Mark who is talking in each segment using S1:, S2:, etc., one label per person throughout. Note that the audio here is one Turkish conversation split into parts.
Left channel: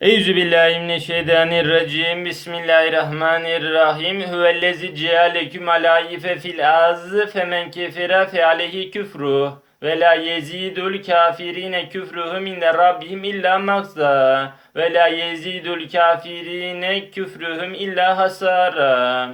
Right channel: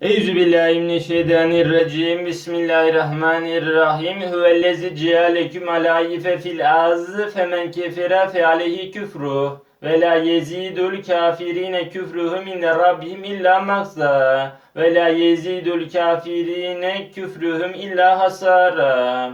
S1: Eûzü billahi mineşşeytanirracim. Bismillahirrahmanirrahim. Huvellezi cealeküm alâife fil arz femen kefere fe aleyhi küfru ve la yezidul kafirine küfruhum inde rabbihim illa makza ve la yezidul kafirine küfruhum illa hasara.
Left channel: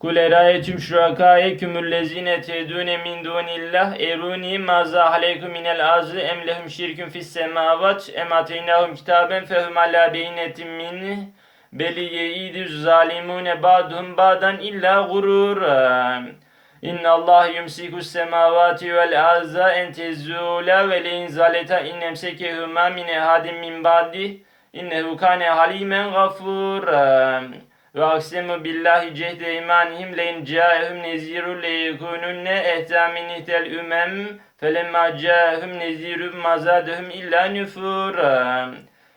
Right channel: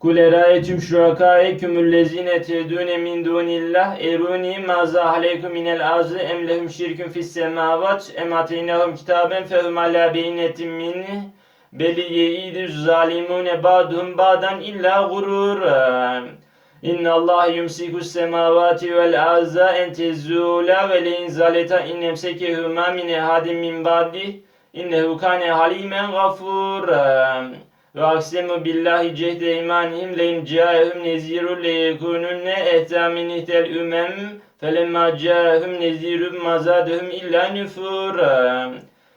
S1: Kul erayetüm şurakâeküm üllezine tedûne min dûnillah erûni mazâ aleykum minel azı em lehum şirkün fis semâvat em ateynahum kitaben fehum alâ beynetim minnih beli yeidü zalimune ba'duhum ba'dan illa gurura. İnna Allah yumsiku semavati vel arza en tezula ve le inzaleta in emsekehuma min ehadin min ba'di innehu kâne halimen gafura. Ve aksemu billahi cehde imanihim le in câehum nezirun le yekununne ehta min ihtel ümem felemma câehum nezirun mazadehum illa nüfura.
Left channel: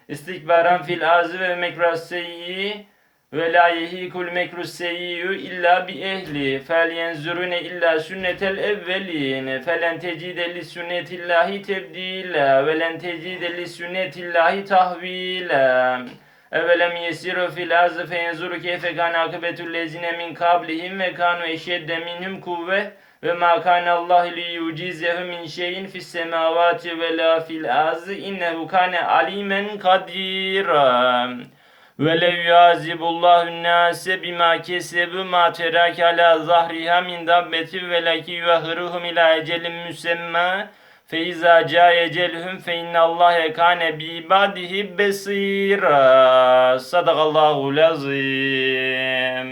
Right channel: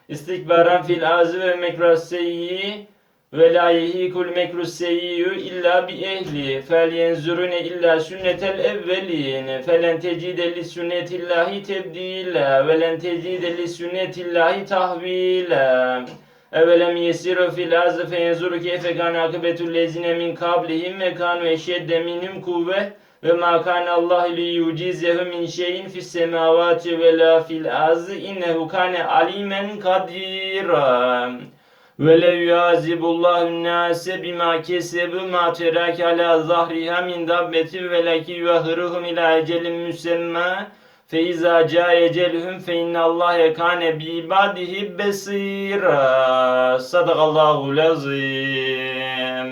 S1: İstikbaran fil azı ve mekraseyyi ve la yehikul mekruseyyu illa bi ehli fel yenzurune illa sünnetel evvelin felen tecide li sünnetillahi tebdila ve len tecide li sünnetillahi tahvila Evelem yesiru fil ardı feyenzuru keyfe kan akıbetul lezine min kablihim ve kanu eşedde minhum kuvve ve ma kana Allah li yucizehu min şeyin fis semavati ve la fil ardı innehu kana alimen kadira ve lev yazibullahu nase bima kesebu ma terake ala zahriha min dabbeti ve laki yuahhiruhum ila ecelin müsemma Feiza ca ecelhum fe innallaha kane bi ibadihi besira. Sadakallahu lazim.